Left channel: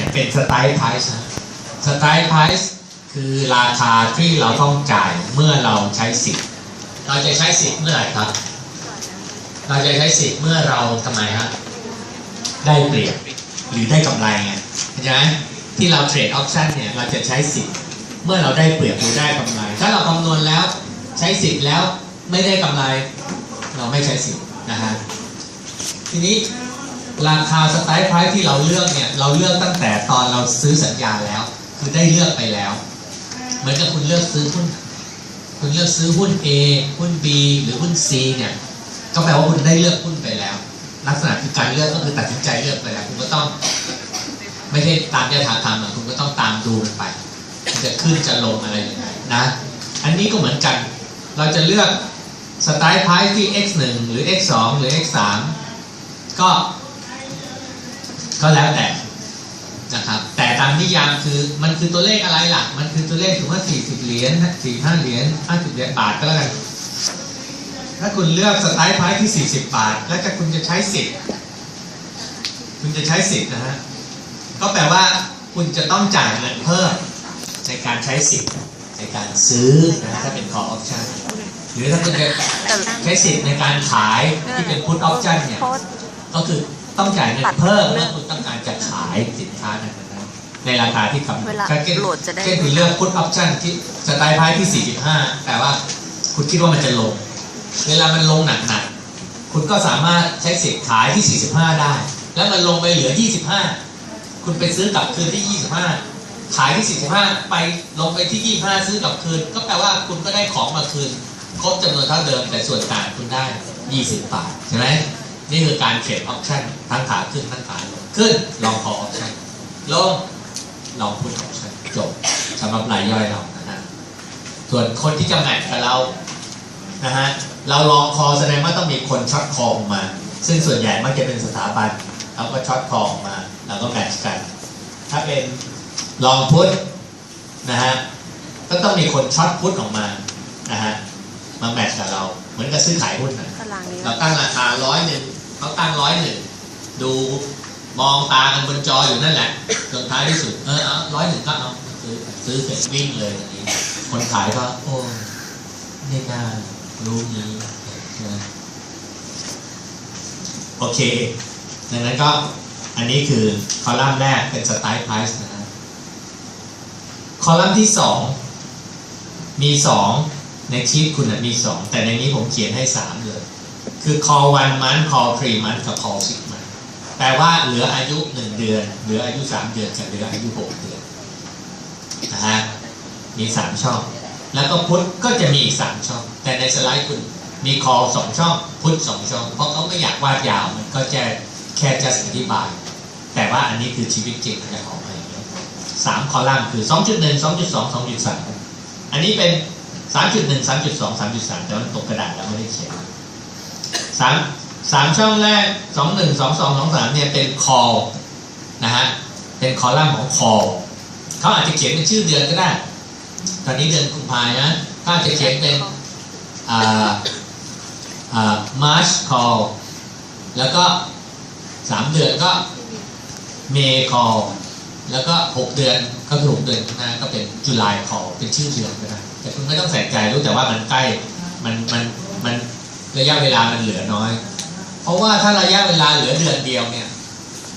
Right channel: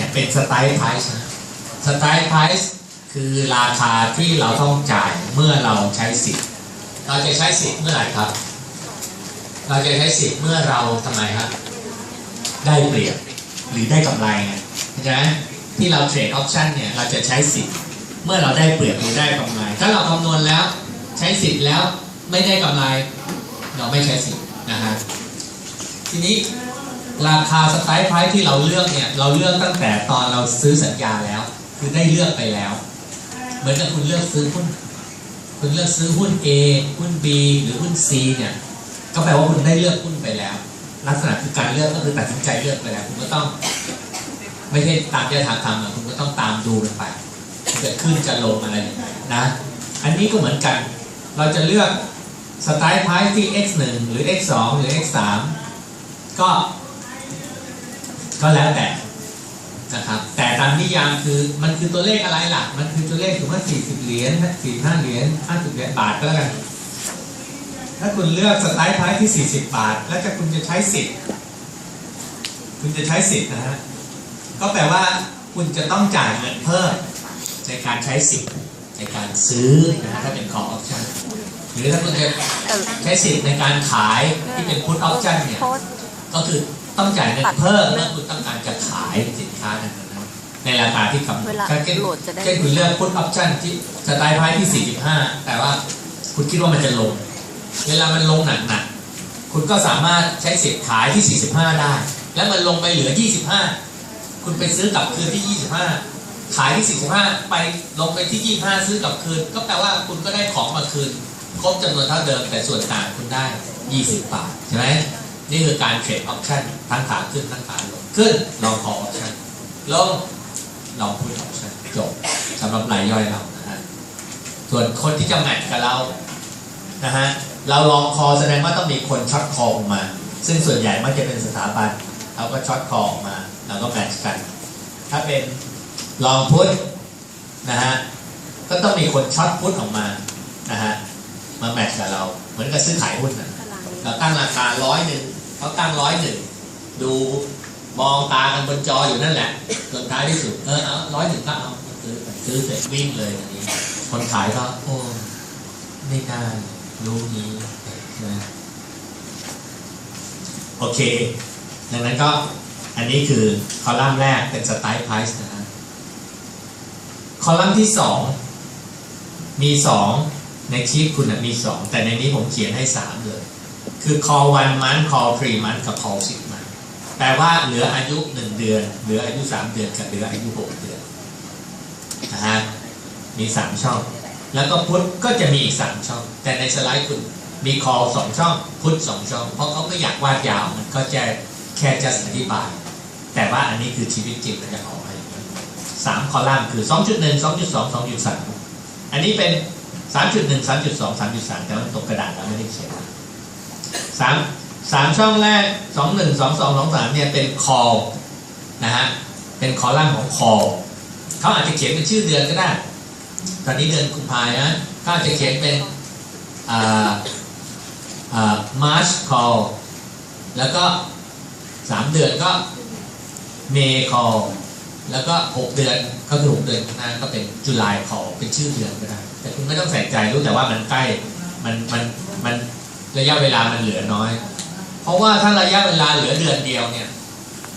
เนี่ยเป็นสไตล์ไพรส์นะสไตล์ไพรส์คือราคาที่เราต้องจ่ายเมื่อเราใช้สิทธิ์ เราจะใช้สิทธิ์เมื่อไหร่ครับ เราจะใช้สิทธิ์เมื่อเราทำไมฮะได้เปรียบหรือได้กำไรไงเข้าใจไหมที่เราเทรดออปชันเนี่ยเราจะใช้สิทธิ์เมื่อเราได้เปรียบหรือได้กำไร ถ้าเราคำนวณแล้วใช้สิทธิ์แล้วไม่ได้กำไร เราไม่ใช้สิทธิ์นะฮะทีนี้ ราคาสไตล์ไพรส์ที่เราเลือกเนี่ยเราเลือกตั้งแต่ตอนเราซื้อสัญญาแล้ว คือได้เลือกไปแล้ว เหมือนกับคุณเลือกซื้อหุ้นคุณเลือกซื้อหุ้น A หุ้น B หรือหุ้น C เนี่ยก็แปลว่าคุณได้เลือกหุ้นไปแล้ว ลักษณะคือการเลือกก็คือตัดสินใจเลือกไปแล้ว คุณก็ต้อง ไม่ใช่ตามยถากรรมอะคุณก็ต้องตามดูมันไปจะขึ้นจะลงอะไรนะ อันนี้ก็เหมือนกัน เราจะเลือกสไตล์ไพร์ที่ x 1หรือ x 2หรือ x 3ก็ ก็แล้วแต่นะครับ แต่ตามนิยามคือมันคือตัวเลขอะไรล่ะ มันคือตัวเลขสมมติว่า40เหรียญ45เหรียญ50เหรียญบาทก็แล้วกัน ถ้าคุณเลือกสไตล์ไพร์ที่40บาท แล้วจะคุณจะใช้สิทธิ์คุณจะใช้สิทธิ์นะฮะ ก็แปลว่าคุณจะต้องจ่ายเงินเพิ่มในการใช้สิทธิ์ในการซื้อนะฮะถ้าเป็น call option หรือถ้าคุณจะแต่ใช้สิทธิ์ในการขายที่เป็น put option เนี่ยโพสต์ก็คือ ต้องจ่ายเงินเพิ่มตัดเรื่เมื่อองคุณต้องการจะขายสินค้านั้นนะครับในราคาที่กำหนดเวลาก็เช่นโหลดจะได้เช่นคุณเลือก put option ที่สไตล์ไพ่ที่ 45 แต่ว่าคุณคิดว่ามันจะลง เวลามันลงหนักๆคุณก็สามารถใช้สิทธิ์ขายที่ 45 ได้ แล้วมันลงไปเหลือ 25 คุณไปซื้อกลับคืนที่ 25 ขายที่ 45 ไปลงไปที่ 25 ซื้อกลับคืน ก็แปลว่าคุณก็ได้ของมาคืนครบจำนวนเท่าเดิมแต่ส่วนต่างคุณได้ 20 บาทใช่ไหม นี่คือการเทรดออปชั่นทั้งขาขึ้นทั้งขาลงขึ้นลองคอออปชั่นลงลองพูดออปชั่นจบสำหรับรายย่อยเรานะฮะส่วนคนที่จะแมทกับเรานะฮะเราลองคอแสดงว่าต้องมีคนช็อตคอออกมา ซึ่งส่วนใหญ่มักจะเป็นสถาบันเขาก็ช็อตคอออกมาแล้วก็แมทช์กัน ถ้าเป็นลองพุทนะฮะก็ต้องมีคนช็อตพุทออกมานะฮะมาแมทช์กับเรา เหมือนกับซื้อขายหุ้นนะตารางนี้เราตั้งราคาร้อยหนึ่ง เขาตั้งร้อยหนึ่งดูมองตากันบนจออยู่นั่นแหละจนท้ายที่สุดเออเอาร้อยหนึ่งก็เอาซื้อซื้อเสร็จวิ่งเลยอย่างนี้คนขายก็โอ้ไม่น่ารู้นี้ใช่ไหมโอเค ดังนั้นก็อันนี้คือคอลัมน์แรกเป็นสไตล์ไพรส์นะครับคอลัมน์ที่สองมีสองในชีพคุณนะมีสองแต่ในนี้ผมเขียนให้สามเลย คือ call one month call three month กับ call six month แปลว่าเหลืออายุหนึ่งเดือน เหลืออายุสามเดือนกับเหลืออายุหกเดือนนะฮะมีสามช่อง แล้วก็พุทธก็จะมีอีกสามช่อง แต่ในสไลด์คุณมี call สองช่อง พุทสองช่อง เพราะเขาไม่อยากวาดยาวมันก็จะแค่จะอธิบาย แต่ว่าอันนี้คือชีวิตจริงอยากออกมาอย่างนี้สามคอลัมน์คือสองจุดหนึ่งสองจุดสองสองจุดสามอันนี้เป็นสามจุดหนึ่งสามจุดสองสามจุดสามแต่ว่าตกกระดาษแล้วไม่ได้เขียน สามสามช่องแรกสองหนึ่งสองสองสองสามเนี่ยเป็น call นะฮะเป็นคอลัมน์ของ call เขาอาจจะเขียนเป็นชื่อเดือนก็ได้ ตอนนี้เดือนกุมภานะก็อาจจะเขียนเป็นอ่าอ่า March call แล้วก็สามเดือนก็ May call แล้วก็หกเดือนก็คือหกเดือนข้างหน้าก็เป็น July call เป็นชื่อเดือนก็ได้แต่คุณไม่ต้องใส่ใจรู้แต่ว่ามันใกล้มันมันมัน ระยะเวลามันเหลือน้อย เพราะว่าถ้าระยะเวลาเหลือเดือนเดียวเนี่ย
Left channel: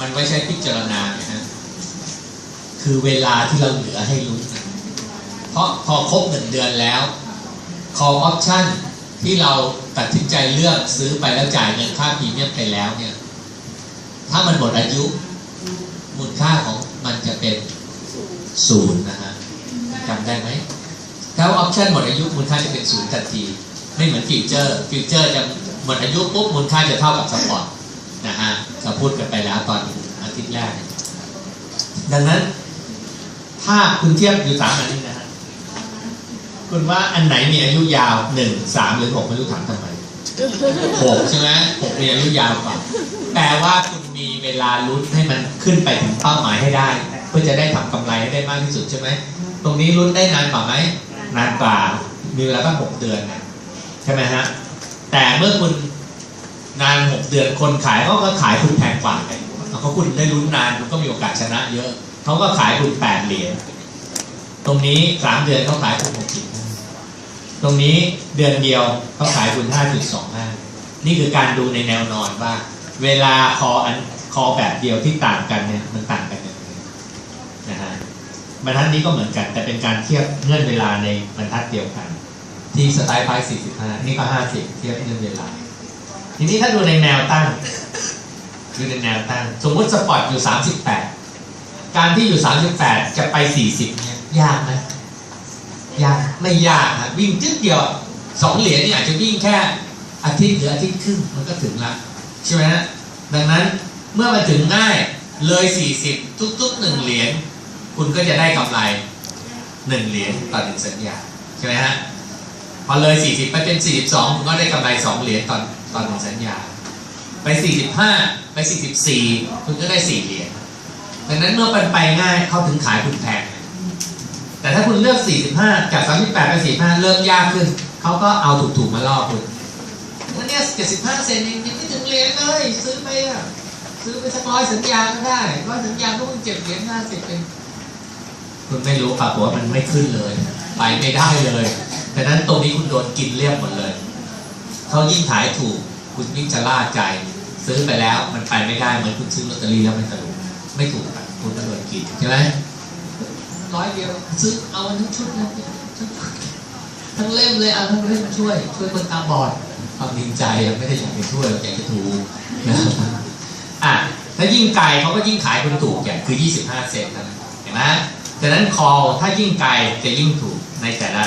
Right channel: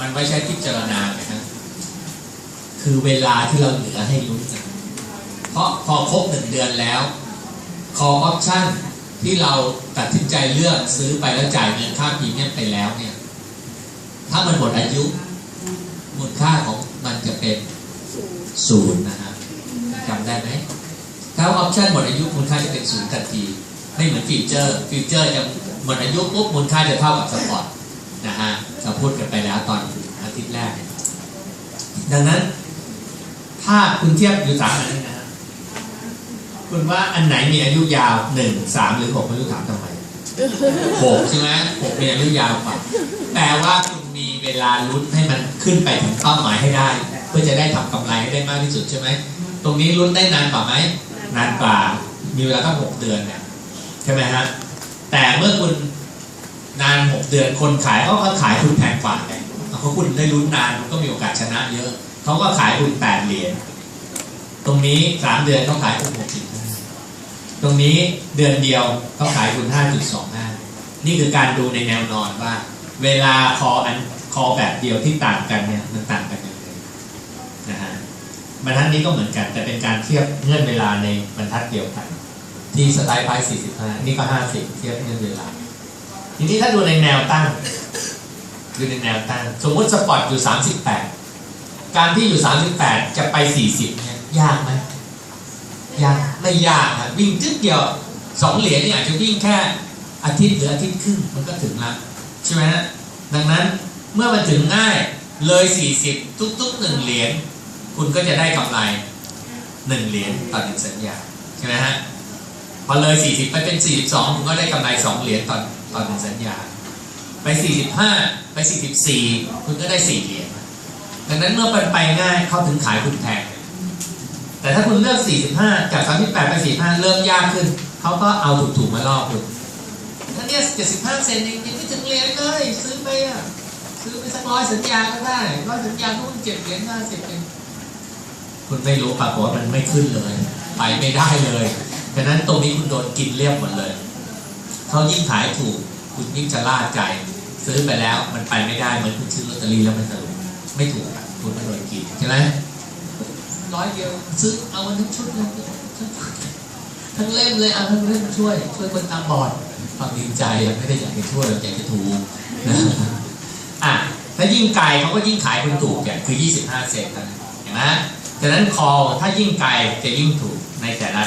มันไม่ใช่พิจารณาเนี่ยนะคือเวลาที่เราเหลือให้รู้กันเพราะพอครบหนึ่งเดือนแล้ว call option ที่เราตัดสินใจเลือกซื้อไปแล้วจ่ายเงินค่าพรีเมียมไปแล้วเนี่ย ถ้ามันหมดอายุ มูลค่าของมันจะเป็นศูนย์นะฮะจำได้ไหมถ้าออปชั่นหมดอายุมูลค่าจะเป็นศูนย์ทันที ไม่เหมือนฟีเจอร์ฟีเจอร์จะหมดอายุปุ๊บมูลค่าจะเท่ากับสปอร์ตนะฮะเราพูดกันไปแล้วตอนอาทิตย์แรก ดังนั้น ถ้าคุณเทียบอยู่สามอันนี้นะฮะคุณว่าอันไหนมีอายุยาวหนึ่งสามหรือหกไม่รู้ถามทำไมหกใช่ไหมหกมีอายุยาวกว่าแปลว่าคุณมีเวลาลุ้นให้มันขึ้นไปถึงเป้าหมายให้ได้ เพื่อจะได้ทำกำไรให้ได้มากที่สุดใช่ไหมตรงนี้ลุ้นได้นานกว่าไหมนานกว่ามีเวลาตั้งหกเดือนเนี่ย ใช่ไหมฮะแต่เมื่อคุณนานหกเดือนคนขายเขาก็ขายคุณแพงกว่าไงเขาราะคุณได้ลุ้นนานมันก็มีโอกาสชนะเยอะเขาก็ขายคุณแปดเหรียญตรงนี้สามเดือนเขาขายคุณหกสิบตรงนี้เดือนเดียวเขาขายคุณห้าจุดสองห้านี่คือการดูในแนวนอนว่า เวลาคออันคอแบบเดียวที่ต่างกันเนี่ยมันต่างกันยังไงนะฮะบรรทัดนี้ก็เหมือนกันแต่เป็นการเทียบเงื่อนเวลาในบรรทัดเดียวกัน ที่สไตล์ไพ่45 นี่ก็ 50 เทียบเงื่อนเวลาทีนี้ถ้าดูในแนวตั้งดูในแนวตั้ง สมมติสปอร์ตอยู่ 38 การที่อยู่ 38 จะไป 40 เนี่ย ยากไหมยากไม่ยากนะวิ่งจึ๊ดเดียวสองเหรียญเนี่ยอาจจะวิ่งแค่อาทิตย์หรืออาทิตย์ครึ่งมันก็ถึงละใช่ไหมฮะดังนั้นเมื่อมันถึงง่ายเลย 40 ทุกๆหนึ่งเหรียญคุณก็จะได้กำไรหนึ่งเหรียญต่อหนึ่งสัญญาใช่ไหมฮะ พอเลย 40 ไปเป็น 42คุณก็ได้กำไร 2 เหรียญตอนตอนหนึ่งสัญญา ไป 45 ไป 44 คุณก็ได้ 4 เหรียญดังนั้นเมื่อมันไปง่ายเข้าถึงขายคุณแพง แต่ถ้าคุณเลือก 45 จาก 38 ไป 45 เริ่มยากขึ้น เขาก็เอาถูกๆมาล่อคุณแล้วเนี่ย75 เซนเองยังไม่ถึงเหรียญเลยซื้อไปอะซื้อไปสักร้อยสัญญาก็ได้ร้อยสัญญาก็ต้องเจ็ดเหรียญ50เอง คุณไม่รู้ปรากฏว่ามันไม่ขึ้นเลย ไปไม่ได้เลยดังนั้นตรงนี้คุณโดนกินเรียบหมดเลยเพราะยิ่งขายถูก คุณยิ่งจะล่าใจ ซื้อไปแล้วมันไปไม่ได้เหมือนคุณซื้อลอตเตอรี่แล้วมันถูกไม่ถูกอะคุณก็โดนกินใช่ไหมร้อยเดียวซื้อเอามันทั้งชุดเลยทั้งเล่มเลยเอาทั้งเล่มช่วย ช่วยคนตาบอดความจริงใจอะไม่ได้อยากไปช่วยอยากจะถูกนะครับอะถ้ายิ่งไกลเขาก็ยิ่งขายคุณถูกเนี่ยคือ 25 เซนนะเห็นไหม ดังนั้นคอถ้ายิ่งไกลจะยิ่งถูกในแต่ละ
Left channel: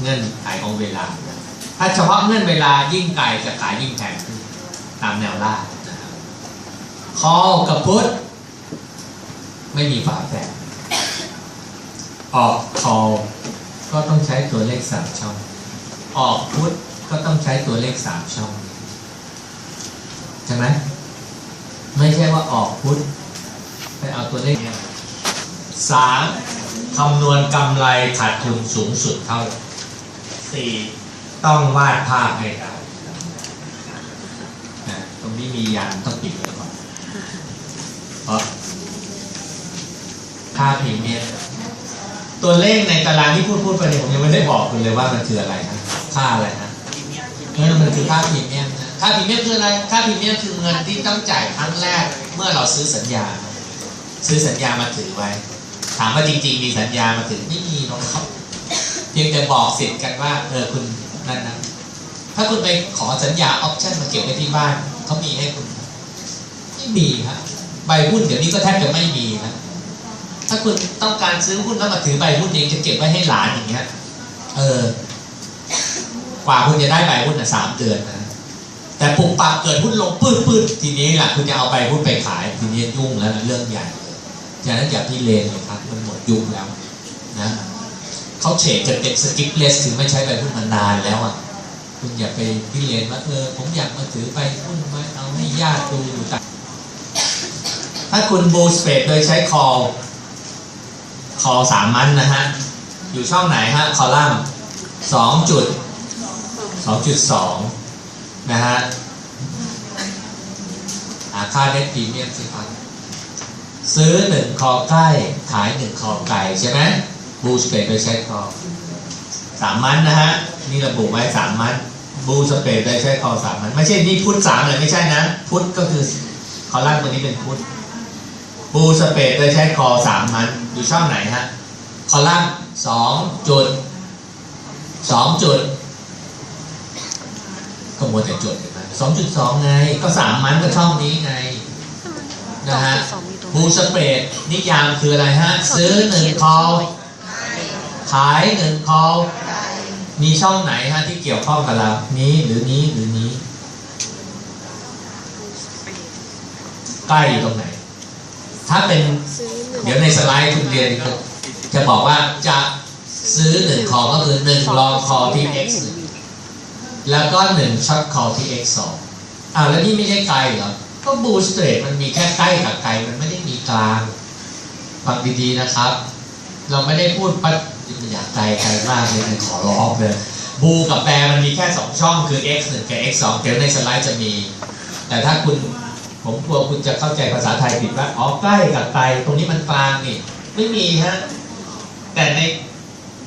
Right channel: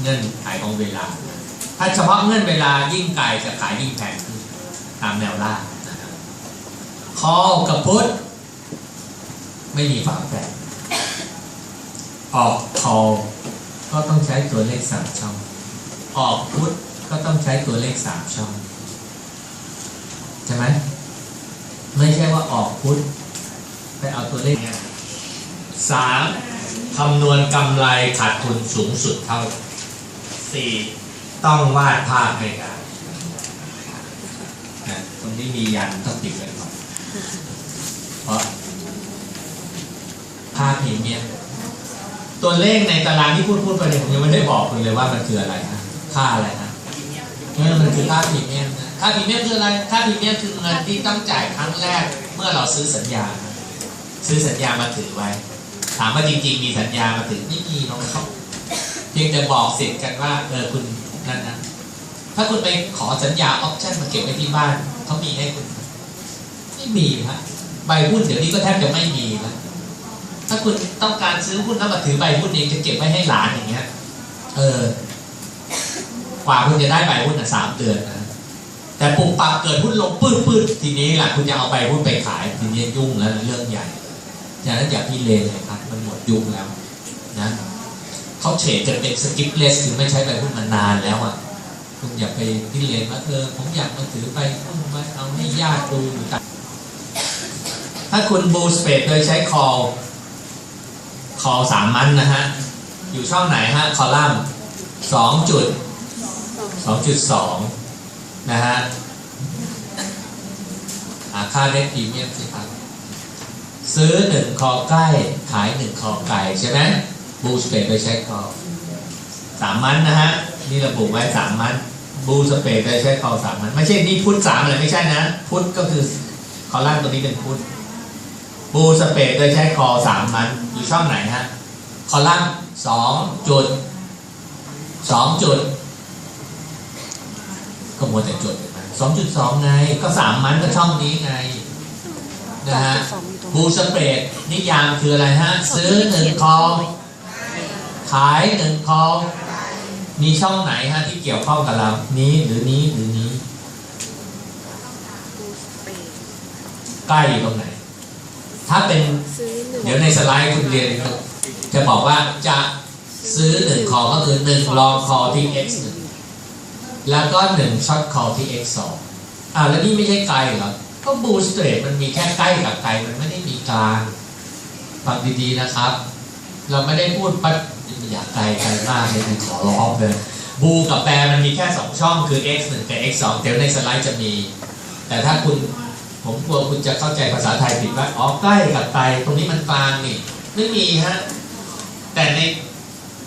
เงื่อนไขของเวลา ถ้าเฉพาะเงื่อนเวลายิ่งไกลจะขายยิ่งแพงขึ้นตามแนวล่างคอกับพุทธไม่มีฝาแฝดออกคอก็ต้องใช้ตัวเลขสามช่อง ออกพุทธก็ต้องใช้ตัวเลขสามช่องใช่ไหมไม่ใช่ว่าออกพุทธ 3. คำนวณกำไรขาดทุนสูงสุดเท่า 4. ต้องวาดภาพให้ได้ตรงนี้มียันต้องติดไว้ก่อนเพราะภาพพิมพ์เนี่ยตัวเลขในตารางที่พูดพูดไปเนี่ยผมยังไม่ได้บอกคุณเลยว่ามันคืออะไรนะค่าอะไรนะนี่มันคือค่าพรีเมียค่าพรีเมียคืออะไรค่าพรีเมียคือเงินที่ต้องจ่ายครั้งแรกเมื่อเราซื้อสัญญา ซื้อสัญญามาถือไว้ ถามว่าจริง ๆ มีสัญญามาถือไม่มีหรอกครับเพียงแต่บอกสิทธิ์กันว่าเออคุณนั่นนะถ้าคุณไปขอสัญญาออปชั่นมาเก็บไว้ที่บ้านเขามีให้คุณไม่มีครับใบหุ้นเดี๋ยวนี้ก็แทบจะไม่มีนะถ้าคุณต้องการซื้อหุ้นแล้วมาถือใบหุ้นเองจะเก็บไว้ให้หลานอย่างเงี้ย เออ กว่าคุณจะได้ใบหุ้นอะสามเดือนนะแต่ปุบปับเกิดหุ้นลงปื้ดปื้ดทีนี้แหละคุณจะเอาใบหุ้นไปขาย ทีนี้ยุ่งแล้วนะเรื่องใหญ่ ฉะนั้นอย่าพี่เลนเลยครับมันหมดยุคแล้วนะเขาเฉดกันเป็นสกิปเลสถือไม่ใช้ใบหุ้นมานนานแล้วอะคุณอย่าไปพิเรนว่าเออผมอยากมาถือใบหุ้นมาเอาให้ญาติดูอยู่กันถ้าคุณบูสเปดโดยใช้คอคอสามมันนะฮะ อยู่ช่องไหนฮะ คอลัมน์สองจุดสองจุดสองนะฮะหาค่าได้พรีเมียมสิครับ ซื้อหนึ่งคอใกล้ขายหนึ่งคอไก่ใช่ไหมบูสเปดโดยใช้คอสามมันนะฮะนี่ระบุไว้สามมันบูสเปดโดยใช้คอสามมันไม่ใช่นี่พุทธสามเลยไม่ใช่นะ พุทธก็คือคอลัมน์ตัวนี้เป็นพุทธบูสเปดโดยใช้คอสามมันอยู่ช่องไหนฮะคอลัมน์สองจุดสองจุดก็มัวแต่จุดสองจุดสองไง ก็สามมันก็ช่องนี้ไง นะฮะสองอยู่ตรงบูสเปรดนิยามคืออะไรฮะ ซื้อหนึ่งคอขายหนึ่งคอมีช่องไหนฮะที่เกี่ยวข้องกับเรา นี้หรือนี้หรือนี้ใกล้อยู่ตรงไหน ถ้าเป็นซื้อหนึ่งเดี๋ยวในสไลด์คุณเรียน จะบอกว่าจะซื้อหนึ่งคอก็คือหนึ่งลองคอที่ x หนึ่งแล้วก็หนึ่งช็อตคอที่ x สองอ่าแล้วนี่ไม่ใช่ไกลเหรอ ก็บูสเตรมันมีแค่ใกล้กับไกลมันไม่ได้มีกลางฟังดีๆนะครับ เราไม่ได้พูดปัดอย่าไกลไกลมากเลยนะขอร้องเลยบูกับแปรมันมีแค่สองช่องคือ x 1กับ x 2เดี๋ยวในสไลด์จะมี แต่ถ้าคุณผมกลัวคุณจะเข้าใจภาษาไทยผิดว่าอ๋อใกล้กับไกลตรงนี้มันกลางนี่ไม่มีฮะแต่ใน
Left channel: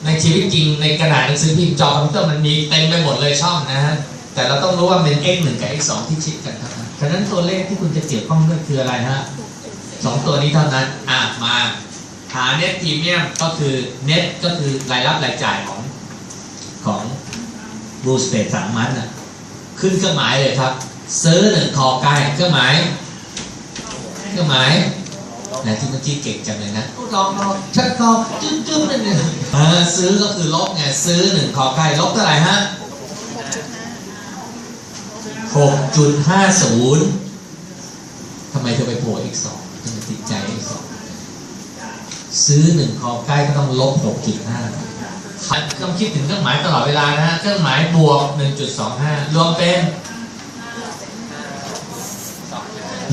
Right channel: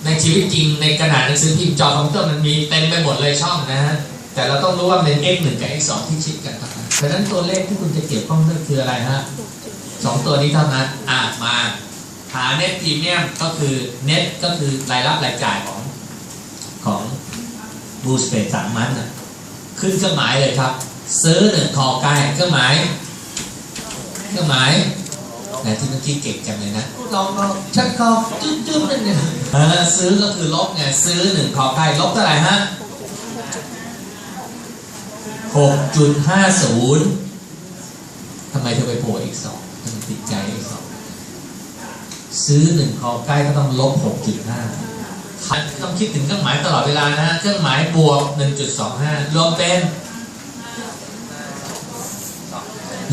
ในชีวิตจริงในกระดาษหนังสือพิมพ์จอคอมพิวเตอร์มันมีเต็มไปหมดเลยช่องนะฮะ แต่เราต้องรู้ว่าเป็น x 1กับ x 2ที่ชิดกันเพราะนั้นตัวเลขที่คุณจะเกี่ยวข้องด้วยคืออะไรฮะสองตัวนี้เท่านั้นอะมาหา net premium ก็คือ net ก็คือรายรับรายจ่ายของของบูสเปดสามมันนะขึ้นเครื่องหมายเลยครับ ซื้อหนึ่งคอไก่เครื่องหมายเครื่องหมายไหนที่เมื่อกี้เก่งจังเลยนะลองลองชัดคอจุ๊บจุ๊บนั่นเออซื้อก็คือลบไงซื้อหนึ่งคอไก่ลบเท่าไหร่ฮะ หกจุดห้าศูนย์ทำไมเธอไปโผล่อีกสองมันติดใจอีกสองซื้อหนึ่งคอไก่ก็ต้องลบหกจุดห้าต้องคิดถึงเครื่องหมายตลอดเวลานะ เครื่องหมายบวก 1.25 รวมเป็น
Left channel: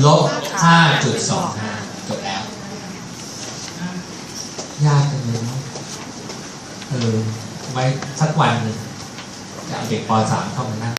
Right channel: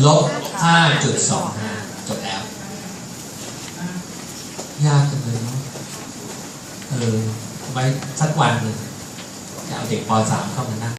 ลบ 5.25 จบแล้ว ยากจังเลยเนาะเออไว้สักวันหนึ่งจะเอาเด็กป .3 เข้ามานั่ง